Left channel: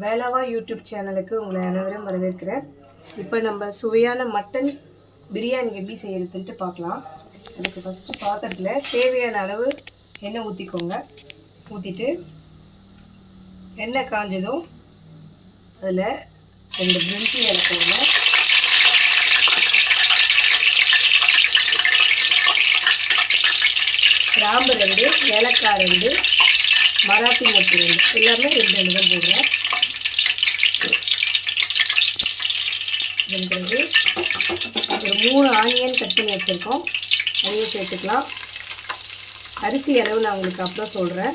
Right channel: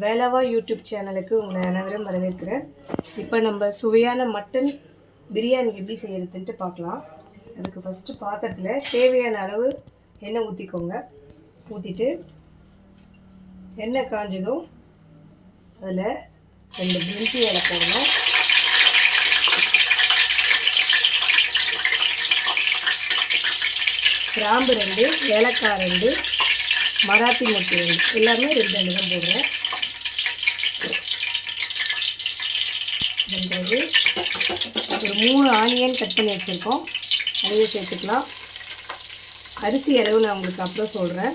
வேலாவா YouTube சேனலுக்கு உங்களை அனைவரும் வரவேற்கிறேன். இப்போ நம்ம சுவையான மட்டன் பிரியாணி எப்படி செய்யறதுன்ட்டு பார்க்கலாம். அதுக்கு ஃபஸ்ட்டு பாத்திரத்தில் தேவையான அளவு எண்ணெய் ஊற்றிக்கோங்க. ஊற்றிட்டு எண்ணெய் காஞ்சதும் அதில் 2 பிரிஞ்சி இலை போடுங்க. கிராம்பு 2, ஏலக்காய் 2, மராத்தி மொட்டு 2, எல்லாமே 2 தான் போடுறேன். பிறகு ஒரு 3 ஆனியன் கட் பண்ணி வச்சுருக்கோம், அதையும் சேர்த்துக்கலாம். அரிசி அளவு நான் உங்களுக்கு அப்புறம் சொல்கிறேன்.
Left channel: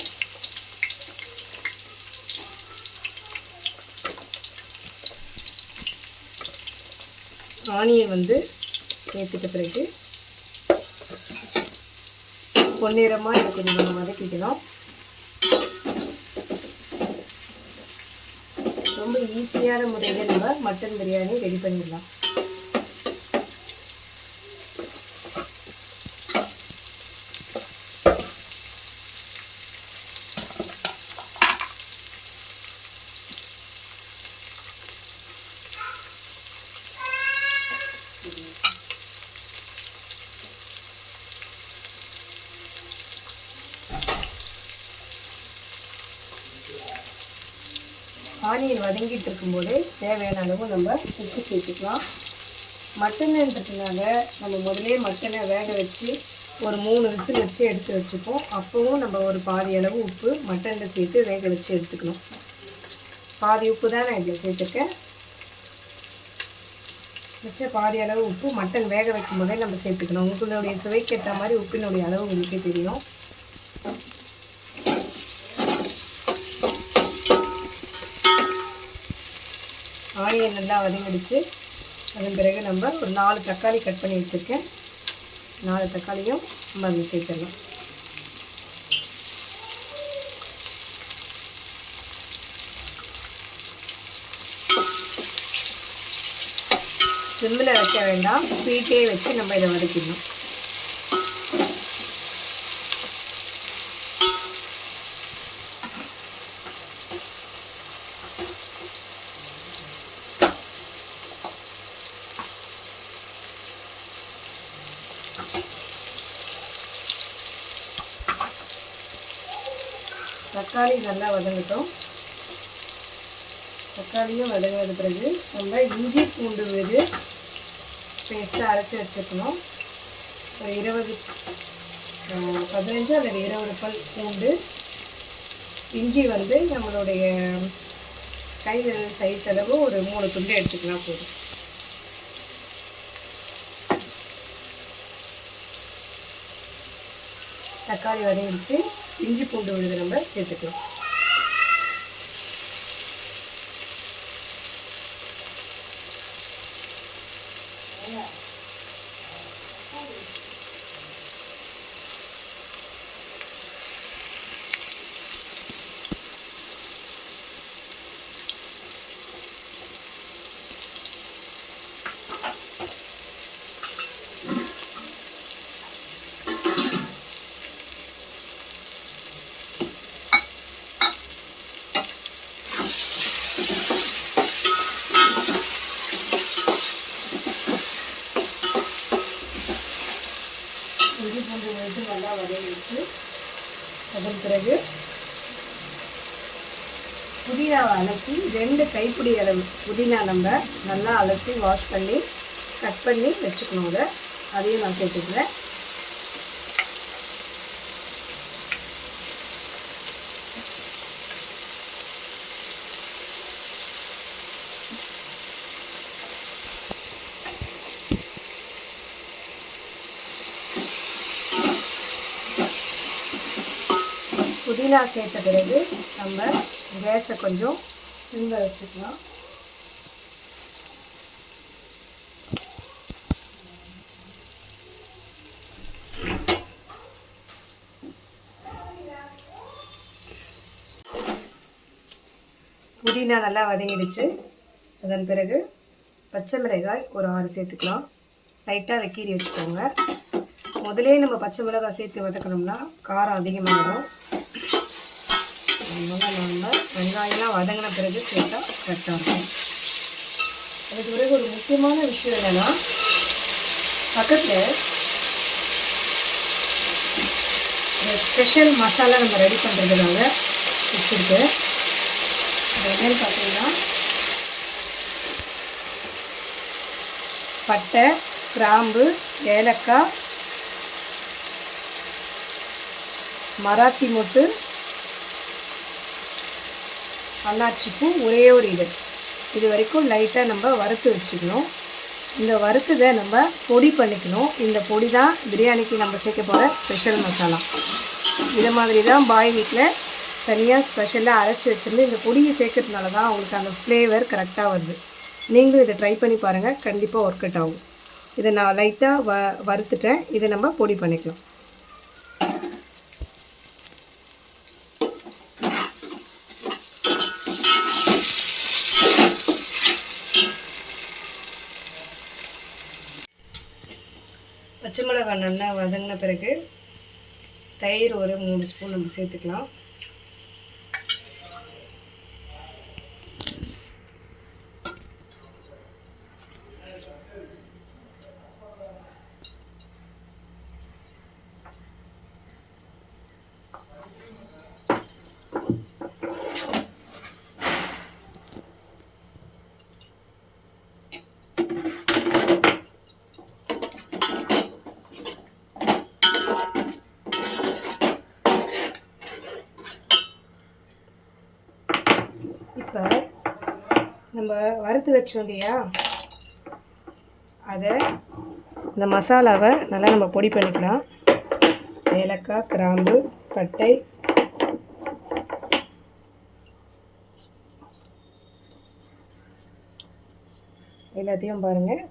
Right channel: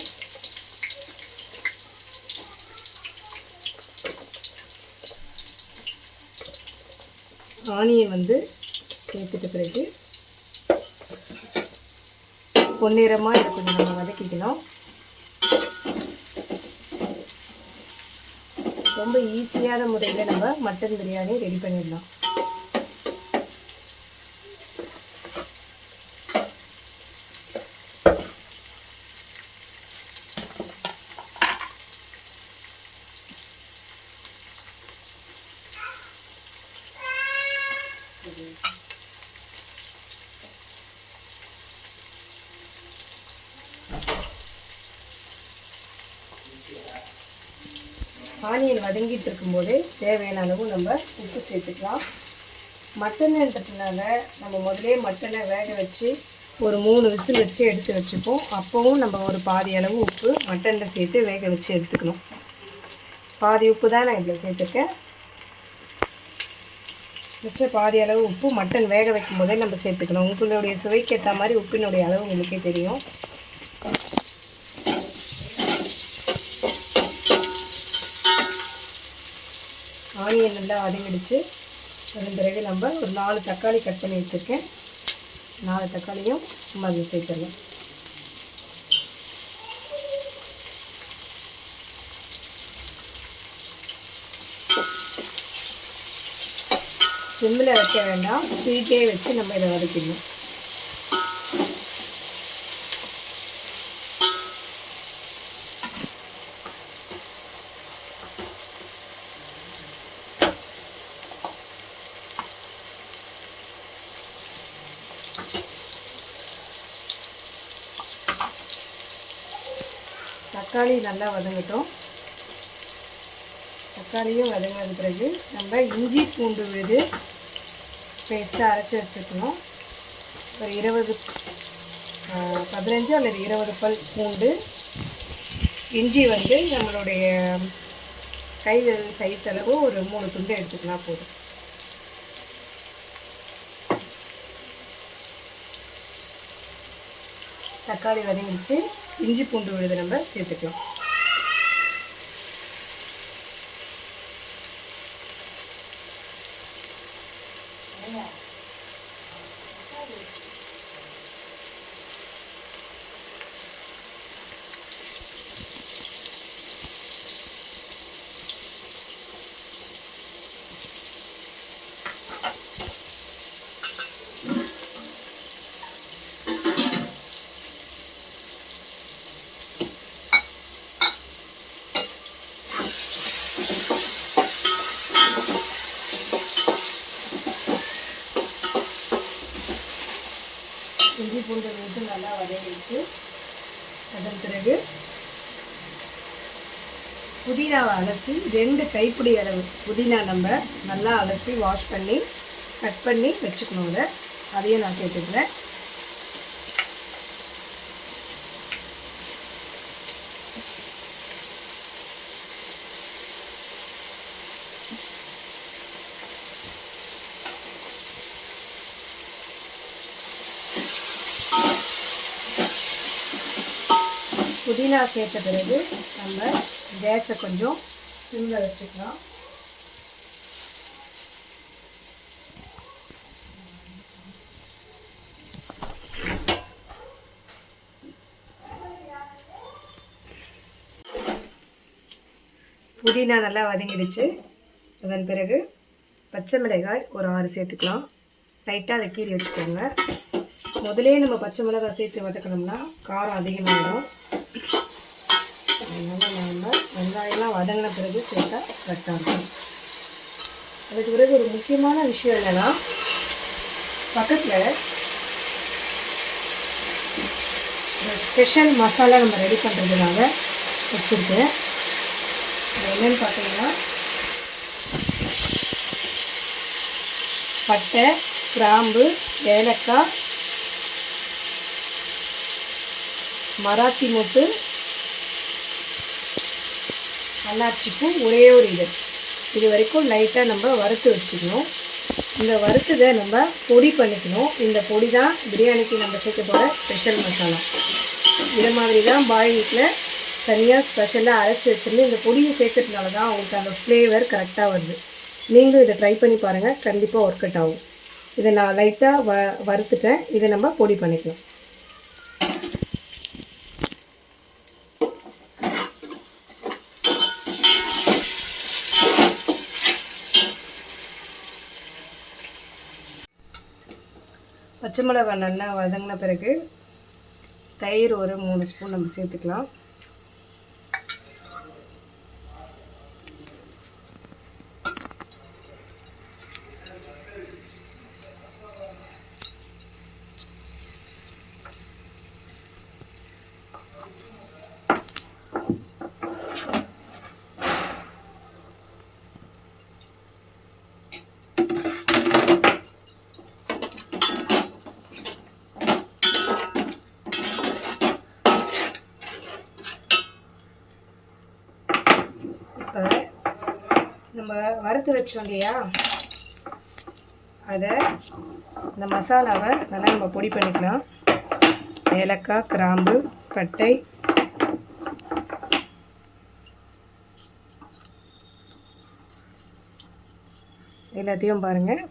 ஆனியன் சேர்த்துட்ட பிறகு பொன்னிறமாக இதை கொஞ்சம் நம்ம வதக்கிக்கலாம். ரொம்ப ஈஸியான முறையில் நம்ம மட்டன் பிரியாணி ரெடி பண்ணிடலாம். ஆனியன் வதங்கிட்டு இருக்கும்போது தேவையான அளவு நம்ம உப்பு சேர்த்துக்கலாம். மட்டன்ன்றதுனால நம்ம முதலே மட்டனை வேக வச்சு ஒரு 3 விசில் வச்சு எடுத்து வச்சுப்போம். அப்போவும் நம்ம ஒரு பாதி அளவு உப்பு மட்டனில் சேர்த்து வேக வச்சு எடுத்துக்கணும். பாதி உப்பு தான் நான் இதில் சேர்த்துருக்கேன். வச்ச பாதி அளவு உப்பு மட்டன் வேக வைக்கும் போதே நம்ம சேர்த்துக்கணும். உங்களுடைய சுவைக்கு ஏற்ற மாதிரி உப்பினுடைய அளவு உங்களுக்கே தெரியும். ஆனியன் நல்லா வதங்கிடுச்சு. அதன் பிறகு நம்ம ஒரு 4 தக்காளி கட் பண்ணி வச்சுருக்கேன். 4 தக்காளியும் நம்ம அதில் சேர்த்துடலாம். சிம்மில் வைக்க வேண்டாம், ஸ்பீட்டே வச்சு நம்ம இதை வதக்கிடணும். தக்காளி நல்லா வதங்கட்டும். தக்காளியும் வதங்கின பிறகு நம்ம இஞ்சி பூண்டு விழுது பேஸ்ட்டாக அரைச்சி வச்சுக்கணும். ஒரு 15 அல்லது 20 பல் பூண்டு. இஞ்சி நம்மளுடைய கை சைஸ் அளவு ஒரு 3 துண்டு எடுத்துக்கலாம் போதும். தக்காளி வதங்கிடுச்சு. இஞ்சி பூண்டு விழுது நம்ம சேர்த்துக்கலாம். இஞ்சி பூண்டு விழுது நல்லா வதங்கிடுச்சு. அதன் பிறகு புதினாவை அலசி 2 கைப்பிடி அளவு புதினா நம்ம நல்லா அலசி வாஷ் பண்ணி கட் பண்ணி வச்சுக்கணும். அதையும் நான் சேர்த்துக்கிறேன். புதினா சேர்த்த பிறகு நம்ம கேஸை கொஞ்சம் சிம்மில் வச்சுக்கலாம். புதினா நல்லா வதங்கிடுச்சு. அதன் பிறகு பச்சை மிளகாய் ஒரு 6 சேர்த்துக்கலாம். லைட்டாக அதை கீறி வச்சுக்கோங்க. முதலே நம்ம பச்சை மிளகாய் சேர்த்து வதக்கணும்னா காரம் அதிகமாகிடும். அதனால் நம்ம வெங்காயம்லாம் வதங்கின பிறகு சேர்த்தா கரெக்டாக இருக்கும். அதுக்கு பிறகு ஒரு முக்கியமான விஷயம் என்னென்னா, பக்கத்தில் ஒரு ஸ்பெஷல் மசாலா நம்ம ரெடி பண்ணுறதுனால வச்சுருக்கேன். அது என்னென்னு பார்த்தீங்கன்னா, பட்டை, கிராம்பு, ஏலக்காய், மராத்தி மொட்டு, அன்னாச்சிப்பூ, ஒரே ஒரு இது வரைக்கும் லைட்டாக நம்ம வறுத்து வச்சுக்கணும். இந்த வறுத்ததை நம்ம பொடி பண்ணிக்கணும். இந்த பொடி தான் பிரியாணிக்கு நம்ம சேர்க்க போகிற ஸ்பெஷல் மசாலா. இதை மாதிரி தான் பாய் வீட்டில் தனியாக ஸ்பெஷலாக அரைச்சி வச்சுருந்து இந்த பொடியை சேர்க்கறதுனால தான் அவங்களுக்கு அந்த ஃப்ளேவர் கரெக்டாக வருது. நீங்களும் இதை ட்ரை பண்ணி பாருங்கள், கண்டிப்பாக ஒர்க் அவுட் ஆகும். இதை நான் லைட்டாக வறுத்துட்டேன். இதை நம்ம பொடி பண்ணிக்கலாம். பச்சை மிளகாய் நல்லா வதங்கின பிறகு தயிர் ஒரு 3 ஸ்பூன் நம்ம சேர்த்துக்கலாம். இப்போ நம்ம வறுத்து வச்சோம் இல்லையா, அதை இந்த மசாலாவை நல்லா நம்ம பொடி பண்ணிக்கலாம். ஏலக்காய், கிராம்பு, பட்டை, எல்லாத்தையும் பாருங்கள்,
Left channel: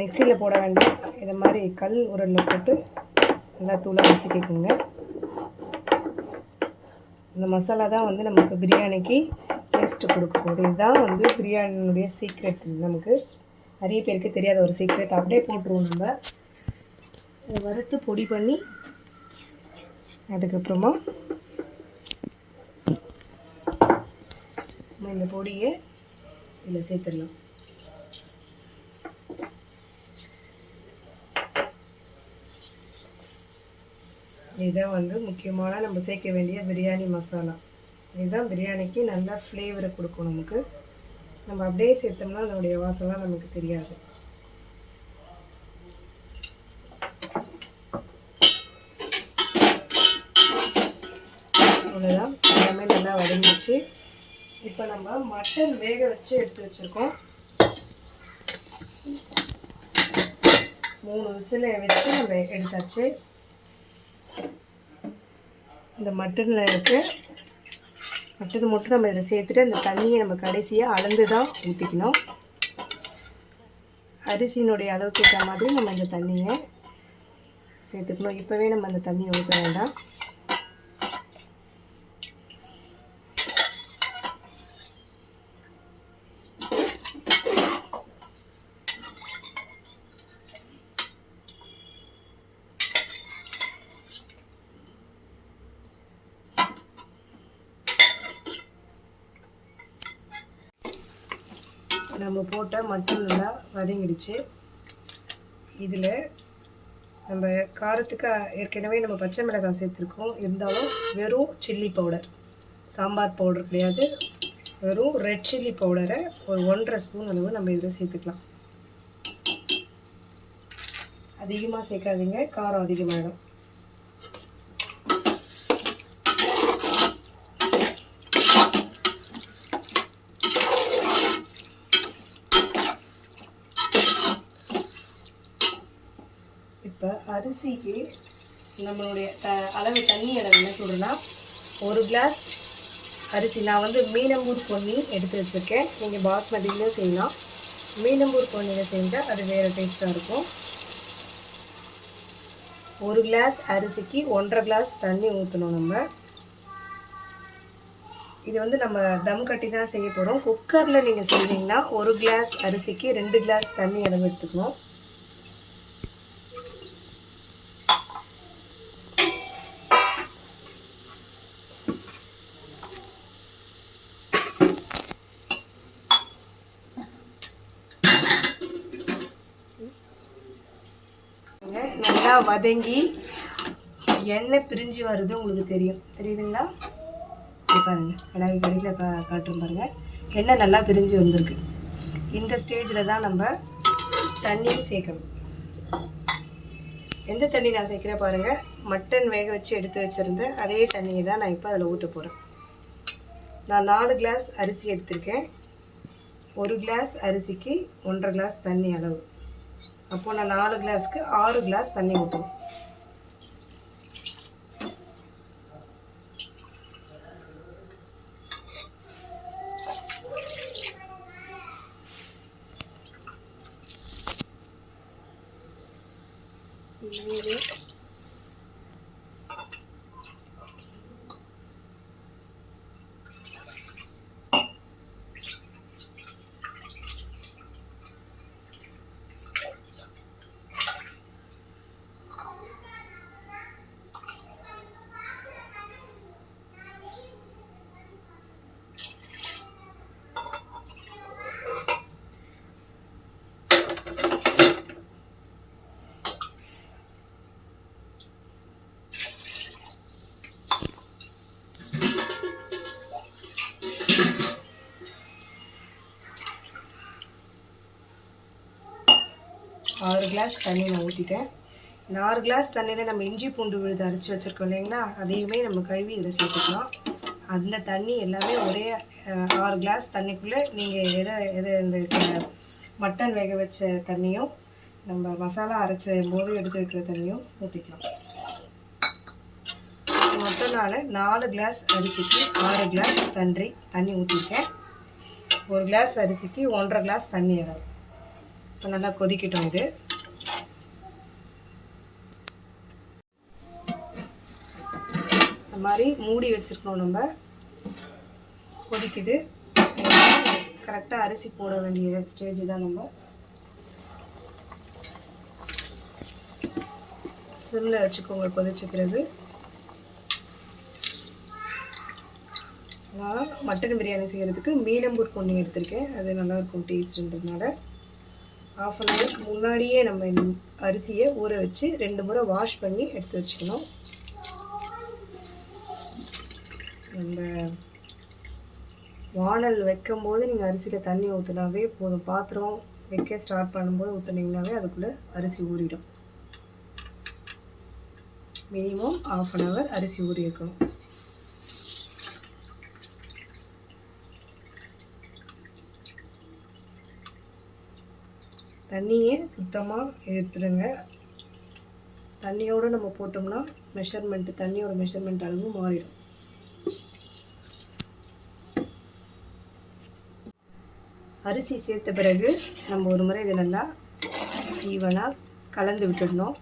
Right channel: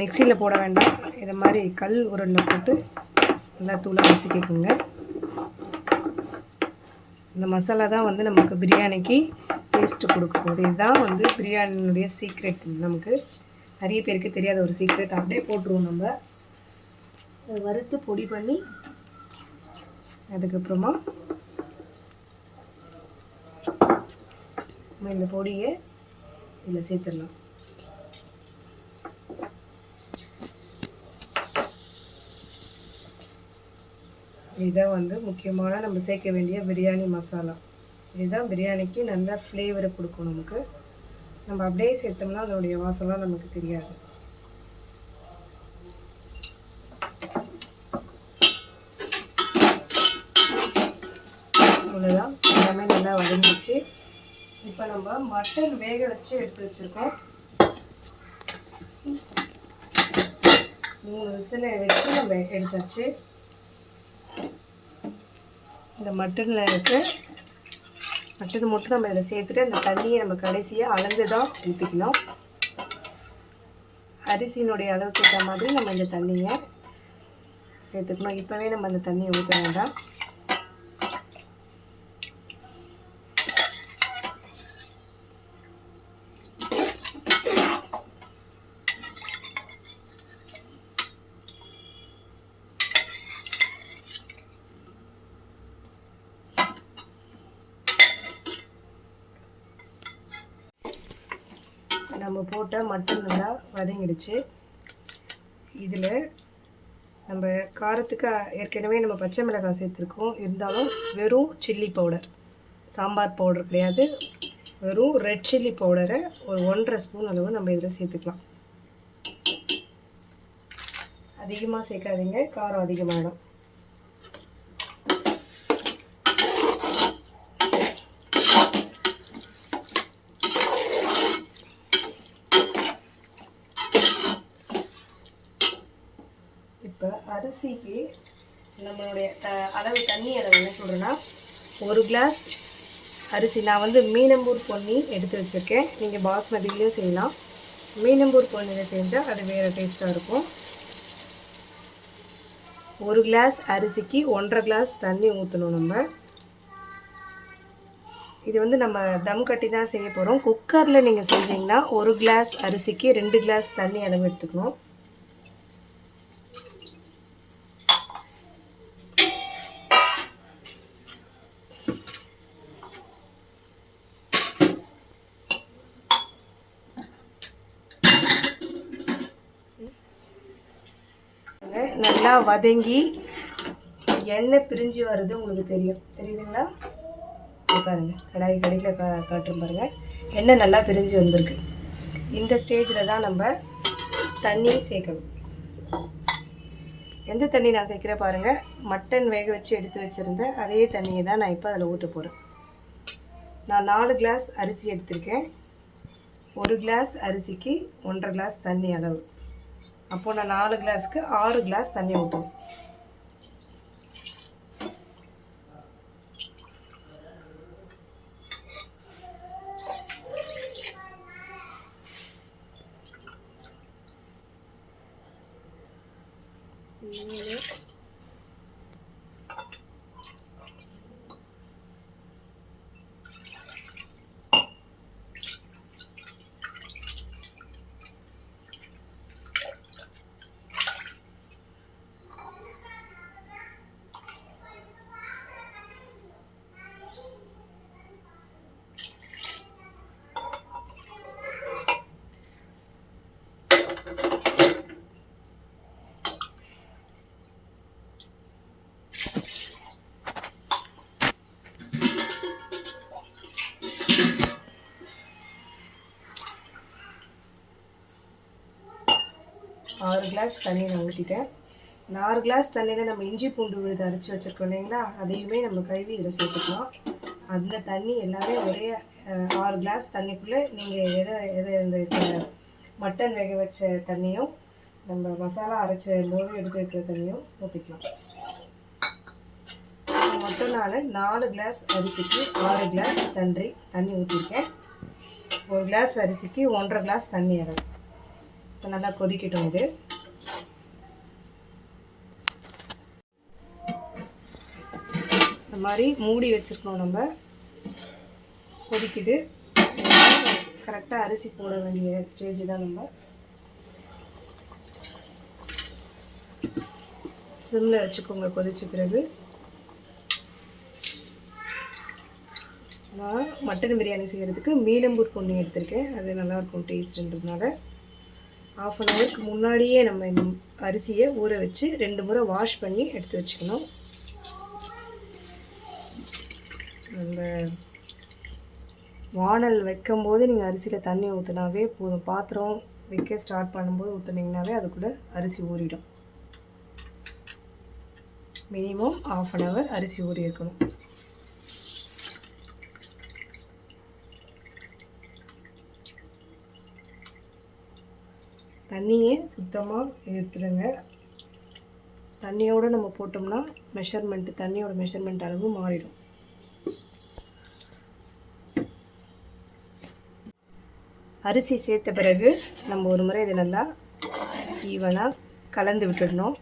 மிக்சியில் போட வேண்டாம். இதை மாதிரி கல் உருண்டை போட்டு நல்லா தூளாக நசுக்கிக்கோங்க. இந்த மசாலா தான் வந்து நமக்கு பிரியாணிக்கு டேஸ்ட்டு கொடுக்க போகுது. இதுதான் வந்து பிரியாணினுடைய சீக்ரெட். நமக்கு நிறைய பேருக்கு தெரியாத ஒரு சீக்ரெட். அப்படியே போட்டுருவோம். நம்ம வறுத்து பொடி பண்ணி அதுக்கப்புறமா இந்த பொடியை இதில் சேர்த்துடலாம். இதுதான் வந்து முக்கியமான நம்ம சேர்க்க வேண்டிய பிரியாணி மசாலா. இதுதான் பிரியாணிக்கு நல்ல ஃப்ளேவரை கொடுக்கும் நமக்கு. நம்ம அப்படியே சேர்த்தோம்னா அதனுடைய வாசம்லாம் நமக்கு தெரியாது. அவ்வளோதான், எல்லாமே நல்லா வதங்கிச்சு. இப்போ நம்ம மட்டன் வேக வச்சு எடுத்து வச்சுருக்கோம். 3 விசிலை வச்சு நம்ம எடுத்தாச்சு. இந்த மட்டனில் மட்டன் மட்டும் நம்ம இதில் சேர்த்துட்டு அந்த தண்ணியை நம்ம கடைசியாக அளந்து தான் ஊற்றிக்கணும். அரிசியினுடைய அளவுக்கு ஏற்ற மாதிரி நம்ம இந்த தண்ணியை சேர்த்துக்கணும். இப்போவே நம்ம அந்த தண்ணியை ஊற்ற வேண்டாம். நம்ம போட்ட மட்டன் நல்லா வதங்கிடுச்சு. இதில் நம்ம காரத்துக்கு ஏற்கனவே நம்ம பச்சை மிளகாய் சேர்த்துருக்கோம். இருந்தாலும் வெறும் சில்லி பவுடர், சாம்பார் பவுடர் கிடையாது, வெறும் ரெட் சில்லி பவுடரை ஒரு 1.5 ஸ்பூன் அளவு நம்ம இதில் சேர்த்துக்கலாம். அதிகமாக சேர்க்காதீங்க, காரம் அதிகமாகிடும். இப்போ அரிசிக்கு நம்மளுடைய அளவு தண்ணி அளவு என்ன சொல்கிறேன்னா, 1 கிளாஸ் அரிசி நான் வந்து மீனம்பூர் பொன்னி எடுத்து வச்சுருக்கேன். நீங்கள் பாஸ்மதியிலையும் செய்யலாம். மீனம்பூர் பொன்னியில் செஞ்சால் அது வேறு டேஸ்ட்டாக இருக்கும். 1 கிளாஸ் அரிசிக்கு 1.5 கிளாஸ் தண்ணி ஊற்றணும். நம்ம இது வந்து நம்ம தம் கட்டி தான் செய்ய போகிறோம். குக்கரில் நீங்கள் செஞ்சிங்கன்னா 1 கிளாஸ் அரிசிக்கு 2 கிளாஸ் தண்ணி அளவு எடுத்துக்கணும். நல்லா வதங்கி எண்ணெய் பிரிஞ்சு வருது உங்களுக்கு தெரியுதுங்களா? பாருங்கள், கடாய் கடையில் காட்டுறோம் பாருங்கள், எண்ணெய் நல்லா பிரிஞ்சு வந்திருக்கு. இந்த ஸ்டேஜில் தான் நம்ம தண்ணி சேர்க்கணும். எந்த தண்ணி நான் சேர்க்குறேன் பாருங்கள், மட்டன் வேக வச்சு எடுத்து வச்சுருந்தேன் அதே தண்ணியை தான் நான் இப்போ அதில் ஊற்ற போகிறேன். நான் 4 கிளாஸ் அரிசி எடுத்திருக்கேன். 1 கிளாஸ் அரிசிக்கு 1.5 கிளாஸ் தண்ணி அளவு. அப்போது நான் 4 கிளாஸுக்கு 6 கிளாஸ் தண்ணி ஊற்றுவேன். ஆறு கிளாஸ் தண்ணி நான் ஊற்றிட்டேன். இந்த 6 கிளாஸ் தண்ணியில் நம்ம இஞ்சி பூண்டு விழுது அரைச்சி வச்சுருக்கோம் இல்லைங்களா, அதையுமே நம்ம கழுவி இதில் சேர்த்துக்கலாம். அந்த தண்ணி எல்லாமே ஒரே 6 கிளாஸ் தண்ணிக்குள்ளே நீங்கள் எதை இந்த மட்டன் வேக வச்ச தண்ணியும் நம்ம மசாலா அரைச்ச போது எடுத்து வைக்கிற தண்ணியும் ஊற்றிக்கலாம். மொத்தம் நான் 4 கிளாஸ் அரிசிக்கு 6 கிளாஸ் தண்ணி ஊற்றிருக்கேன். 1 கிளாஸ் அரிசிக்கு 1.5 கிளாஸ் தண்ணி இடம். இப்போ நல்லா கொதிக்கட்டும். இது இந்த மாதிரி மூடி வச்சுருக்கோம். நம்ம கொதிக்குது. கரெக்டாக அரிசி போட வேண்டிய ஸ்டேஜ் தான். நம்ம சிம்மில் வச்சுக்கோங்க. கொதிச்ச பிறகு நான் மட்டன் பிரியாணி செய்கிறதுக்கு மீனம்பூர் பொன்னி எடுத்திருக்கேன். அது நல்லாயிருக்கும் டேஸ்ட்டுன்றதுனால. 1/2 அன் ஹவருக்கு முன்னாடியே நம்ம இந்த அரிசியை ஊற வச்சு 2 முறை வாஷ் பண்ணி எடுத்து வச்சுக்கணும். அந்த வானல் வைக்கும்போது நீங்கள் அரிசியில் தண்ணி ஊற்றினாவே போதும். பாத்திரம் வைக்க ஸ்டார்ட் பண்ணும்போது ஊற்றுனீங்கனாவே அதுக்குள்ளே அரிசி ஊறிடும். மினிமம் 1/2 அன் ஹவர் அரிசி ஊறி இருக்கணும். தண்ணியே சுத்தமாக எடுத்துடுங்க. தண்ணியோடு நம்ம போட்டோம்னா தண்ணியோட மெஷர்மெண்ட் அளவு மாறிடும். அரிசி சேர்த்த பிறகு நம்ம ஒரு முறை இதை நல்லா ஈவனாக கலந்து விட்டுடணும்.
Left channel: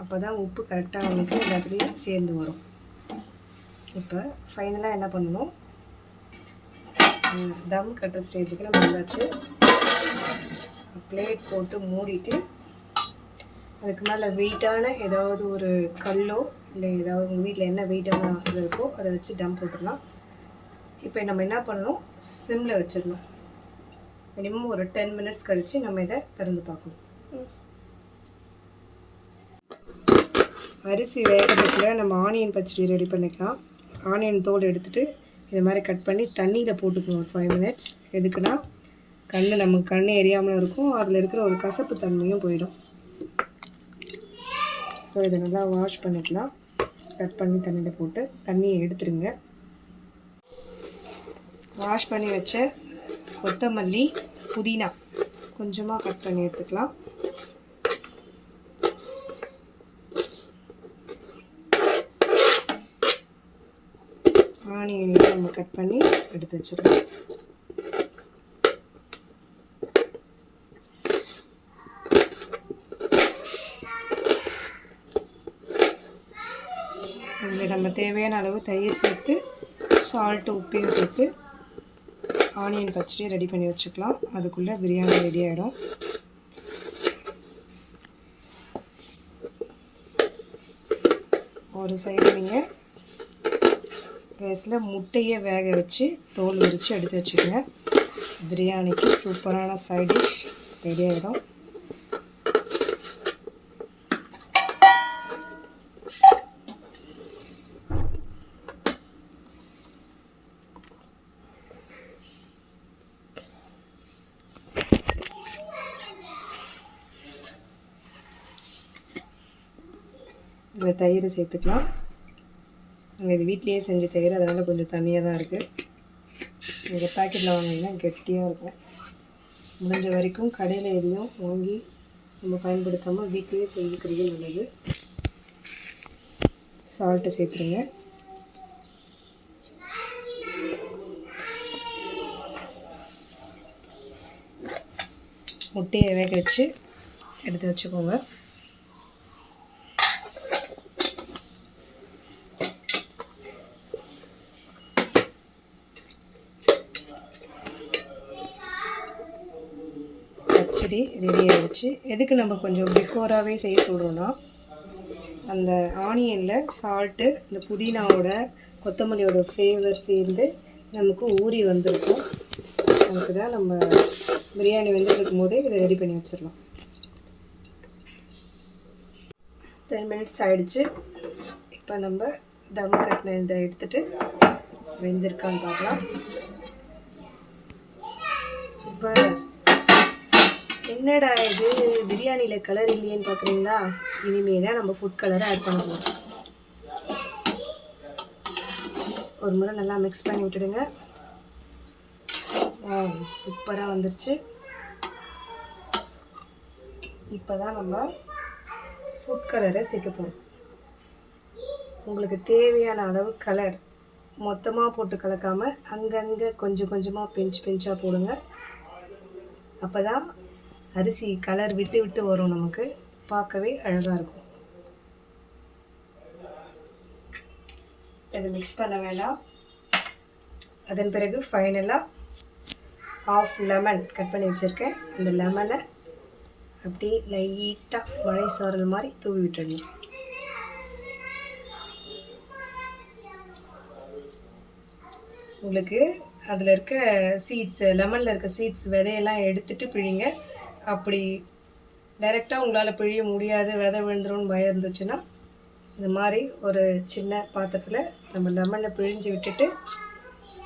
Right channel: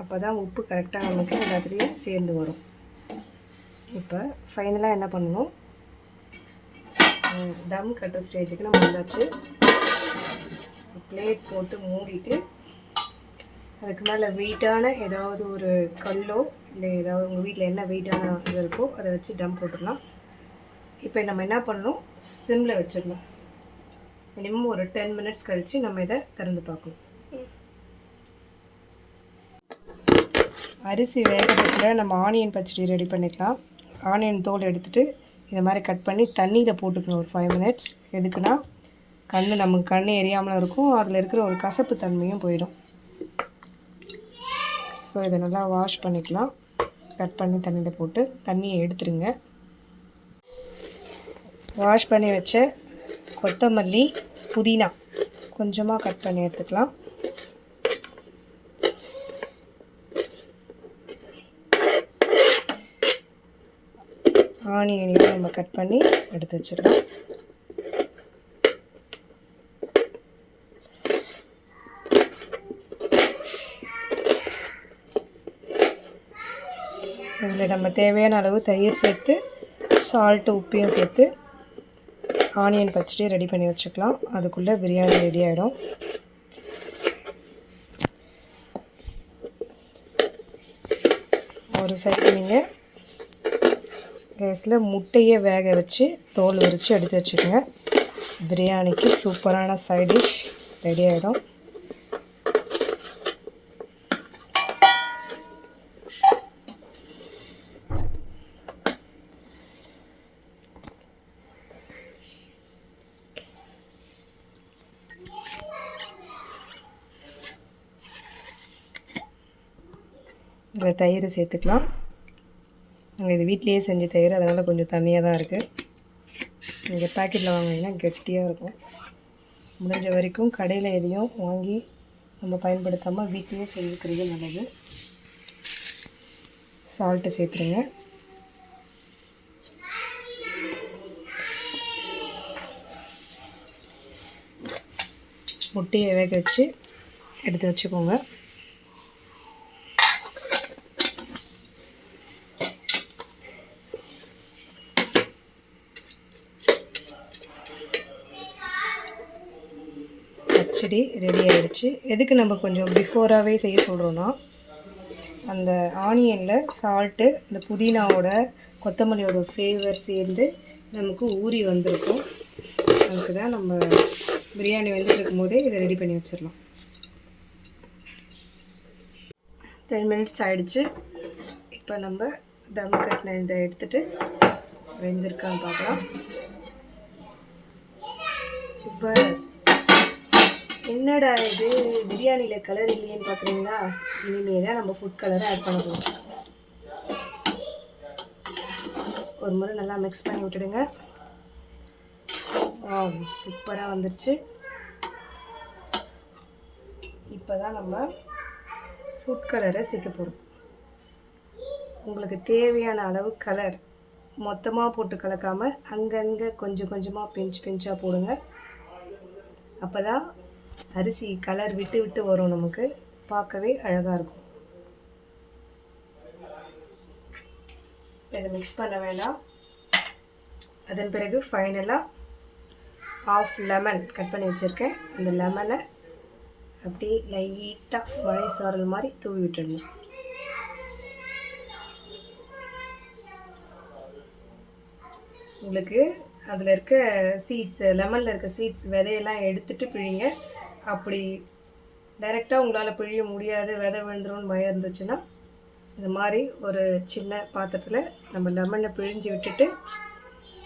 அப்போ தான் உப்பு கரெக்டாக நமக்கு எல்லாத்துலேயும் சேர்ந்து வரும். இப்போ ஃபைனலாக என்ன பண்ணணும், தம் கட்டுற ஸ்டேஜுக்கு நம்ம வந்தாச்சு. பிளேட் போட்டு மூடிட்டு அதுக்கு மேலே வெயிட்டான ஏதாவது ஒரு கல்லோ இல்லை ஏதாவது உங்கள் வீட்டில் என்ன வெயிட்டான இது இருக்கோ அதை வச்சு டம் போட்டுடலாம். இப்போ நம்ம என்ன பண்ணணும், சிம்மில் வச்சிடணும். மினிமம் ஒரு 10 மினிட்ஸ் கழித்து நம்ம இதை திறந்து பார்க்கணும். அரிசி வேகிறதுக்குள்ள நம்ம ஆனியன் பச்சடி ரெடி பண்ணிக்கலாம். ஆனியன் தோல் எடுத்துகிட்டு இதை மாதிரி கட் பண்ணி தண்ணியில் போட்டுக்கணும் ஒரு 5 மினிட்ஸ். எதுக்குன்னா நமக்கு கண் எரியாமலும் இருக்கும், அதில் இருக்கிற ஒரு கசப்பு தன்மையும் போயிடும். ஸோ இதை நல்லா வாஷ் பண்ணிக்கலாம். கட் பண்ணி தண்ணியில் போட்டு தண்ணியை எடுத்துருங்க. வாஷ் பண்ணி வச்ச கொத்தமல்லி, புதினா கொஞ்சமாக கட் பண்ணி எடுத்துக்கலாம். ஆனியனையும் நம்ம கட் பண்ணி எடுத்து வச்சிடலாம். இதில் நம்ம தேவையான அளவு தயிர் சேர்த்து சால்ட்டு உப்பையும் சேர்த்து ஆனியன் பச்சடி ரெடி பண்ணி வச்சுக்கலாம். அதுக்குள்ளே பிரியாணி ரெடி ஆகிடும். ஒரு சைடு நீங்கள் கேஸில் முட்டையை வேக வச்சு தோல் உரித்து எடுத்து வச்சுக்கோங்க. பிரியாணிக்கு சூப்பரான சைட் டிஷ் ரெடி ஆகிடும். அதில் தயிர் சேர்த்துக்கலாம். நாங்கள் இது வீட்லேயே செஞ்ச தயிர், அதனால் கொஞ்சம் தண்ணியாக தான் இருக்குது. நீங்கள் பேக்கெட்டில் வாங்கினீங்கன்னா கெட்டியாக இருக்கும். முடிஞ்ச வரைக்கும் கடையில் எதையும் வாங்கி நம்ம பயன்படுத்தாமல் வீட்லேயே செஞ்சுக்கிறது நல்லது. சால்ட்டு சேர்த்துருங்க. முட்டையை வேக வச்சு எடுத்து வச்சுக்கோங்க. பச்சடி ரெடி ஆகிடுச்சு. எதுக்கு நம்ம கொஞ்சம் பிஃபோராகவே செய்ய சொல்கிறோன்னா, அந்த ஆனியனில் சால்ட்டு, இந்த புதினாவோட கொத்தமல்லியோட ஃப்ளேவர் சேர்ந்து நமக்கு ஊறி வந்திருக்கும். அதுக்கு தான் நம்ம பிரியாணி வெந்துட்டு இருக்கும்போதே இதை ரெடி பண்ணி வச்சிடலாம். 10 மினிட்ஸ் ஆகிடுச்சு. இப்போ நம்ம தம் கட்டின இதை எடுத்துகிட்டு வெந்திருக்கான்னு பார்க்கலாம். சூப்பர். என்னடா இது பிரியாணியில் கலர் இல்லையேன்னு பார்க்குறீங்களா? இனிமேல் தான் நம்ம ஃபுட் கலரை ஆட் பண்ண போகிறோம். ஒரு முறை நல்லா மிக்ஸ் பண்ணி விட்டுடுங்க. சூப்பராக வந்துருச்சு. இப்போ தான் நம்ம ஃபுட் கலரை சேர்க்க போகிறோம். உங்களுக்கு தேவையான அளவு கலர் மொத்தமாக போட்டு கலக்காமல் அங்கங்கே கொஞ்சம் கொஞ்சமாக பிஞ்சாக போடுங்க. அப்போ தான் அரிசி கலர் விட்டு விட்டு வரும், நமக்கு பார்க்கவே அழகாக இருக்கும். இதை மிக்ஸ் பண்ண வேண்டாம். அதன் பிறகு ஃபைனலாக ½ லெமன் கட் பண்ணி வச்சுருக்கேன். அந்த லெமனை அப்படியே லைட்டாக மழை சாரல் மாதிரி தூவி விட்டுடணும். உங்களுக்கு அதில் இருக்க சீட்ஸ், லெமனில் இருக்க சீட்ஸ் விதையெல்லாம் எடுத்துகிட்டு பிழிங்க. அப்படி டைரெக்டாக உங்களால் பிழிய முடியாது, விதை விழுந்துரும்னு பயம் இருந்துச்சுன்னா, இந்த மாதிரி ஒரு சின்ன பாத்திரத்தில் நம்ம லெமனை பிழிஞ்சு விட்டுட்டு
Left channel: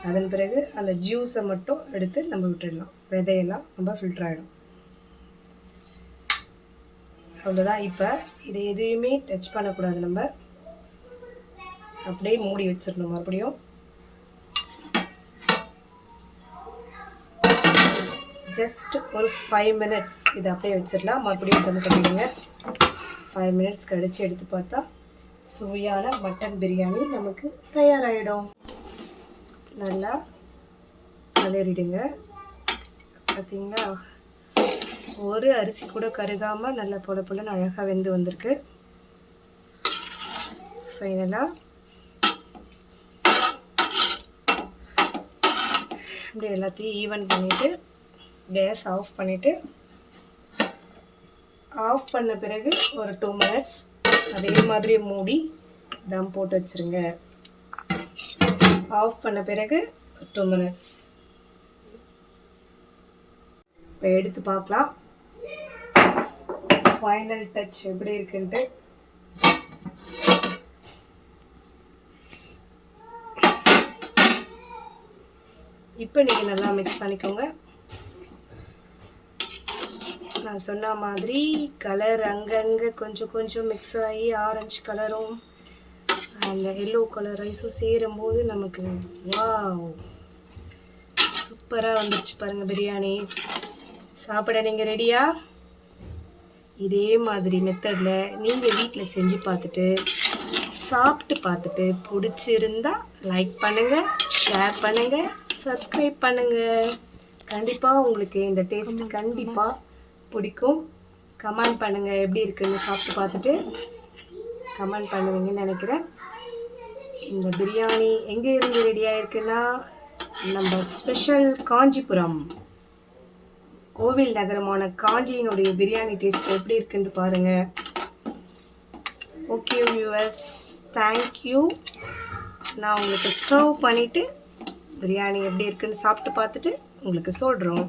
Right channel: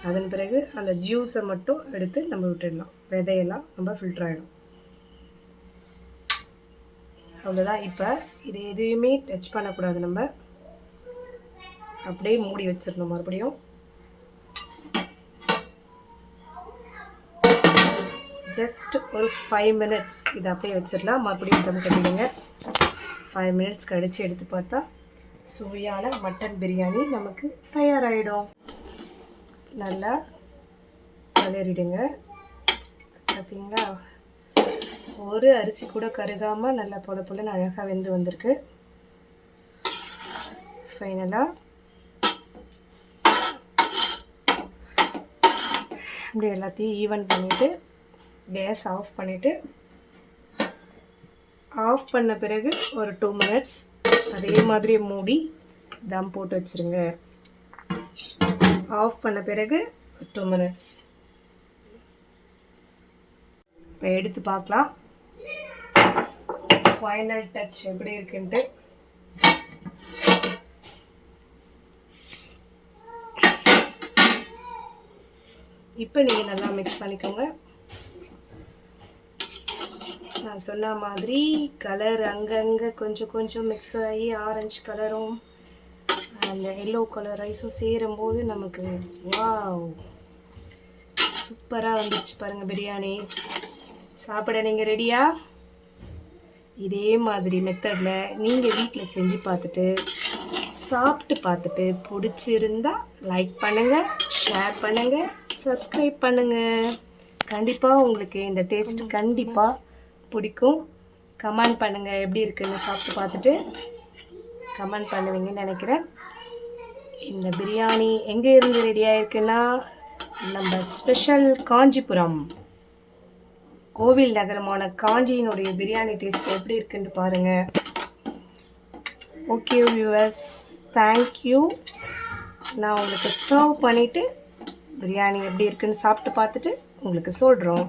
அதன் பிறகு அந்த ஜூஸை மட்டும் எடுத்து நம்ம விட்டுடலாம். விதையெல்லாம் நம்ம ஃபில்டர் ஆகிடும். அவ்வளோதான். இப்போ இதை எதுவுமே டச் பண்ணக்கூடாது. நம்ம அப்படியே மூடி வச்சிடணும். மறுபடியும் ஜஸ்ட் ஒரு 5 மினிட்ஸ் இதை அப்படியே வச்சிடலாம். மறுபடியும் தம் கட்டிடுங்க. 5 மினிட்ஸ் கழித்து எடுத்து பார்த்தா சுவையான மட்டன் பிரியாணி நமக்கு தயாராகிடும். நல்லா கிளறிடுங்க. பார்த்தீங்களா, ஒரு அரிசி கூட கருகாமல் நல்லா பொல பொலன்னு அழகாக வெந்து வந்திருக்கு. ஃபைனலாக இப்படி எல்லாத்தையும் ஈவன் பண்ணிவிட்டு கேஸ் ஆஃப் பண்ணிவிட்டு, ஆஃப் பண்ண பிறகு ஒரு 2 மினிட்ஸ் அதே மாதிரி மூடி தம் போட்டு வச்சுருங்க. ஆஃப் பண்ண பிறகு 2 மினிட்ஸ். இப்போ எடுத்து பார்க்கலாம் ஃபைனல் டச் எப்படி இருக்குன்ட்டு. இப்போ நீங்கள் நல்லா மிக்ஸ் பண்ணிக்கோங்க. நான் சொன்ன மாதிரி கலர் அங்கங்கே கொஞ்சம் கொஞ்சம் மிக்ஸ் ஆகி ஆரஞ்சு கலரும் அந்த எல்லோ கலர் ரைஸும் சேரும்போது நமக்கு வாவ் சூப்பராக வந்துடுச்சு பாருங்கள் பிரியாணி. சாப்பிட நீங்கள் ரெடியா? இதே மாதிரி மெத்தடில் நீங்கள் வீட்டில் செஞ்சு பார்த்துட்டு சாப்பிட்டு பார்த்துட்டு பிடிச்சிருந்தா லைக் பண்ணுங்கள், ஷேர் பண்ணுங்கள், சப்ஸ்கிரைப் பண்ணுங்கள். கண்டிப்பாக உங்களுக்கு இந்த டேஸ்ட் கண்டிப்பாக பிடிக்கும். கமெண்ட் பண்ணுங்கள் எப்படி இருக்குன்னு சாப்பிட்டு பார்த்துட்டு கமெண்ட் பண்ணுவீங்கன்னு நினைக்கிறேன். இந்த பிரியாணி எங்கே இருந்து ரெடி ஆகிருக்குன்னா, நம்ம ஸ்பெஷல் காஞ்சிபுரம் கோவில் நகரமான காஞ்சியினுடைய பிரியாணி டேஸ்ட் எப்படி இருக்குன்னு பாருங்கள். Okay viewers, thank you. நான் உங்களுக்கு சர்வ் பண்ணிவிட்டு பிரியாணி எப்படி இருக்குன்னு சாப்பிட்டு பார்த்துட்டு உங்களுக்கு சொல்கிறோம்.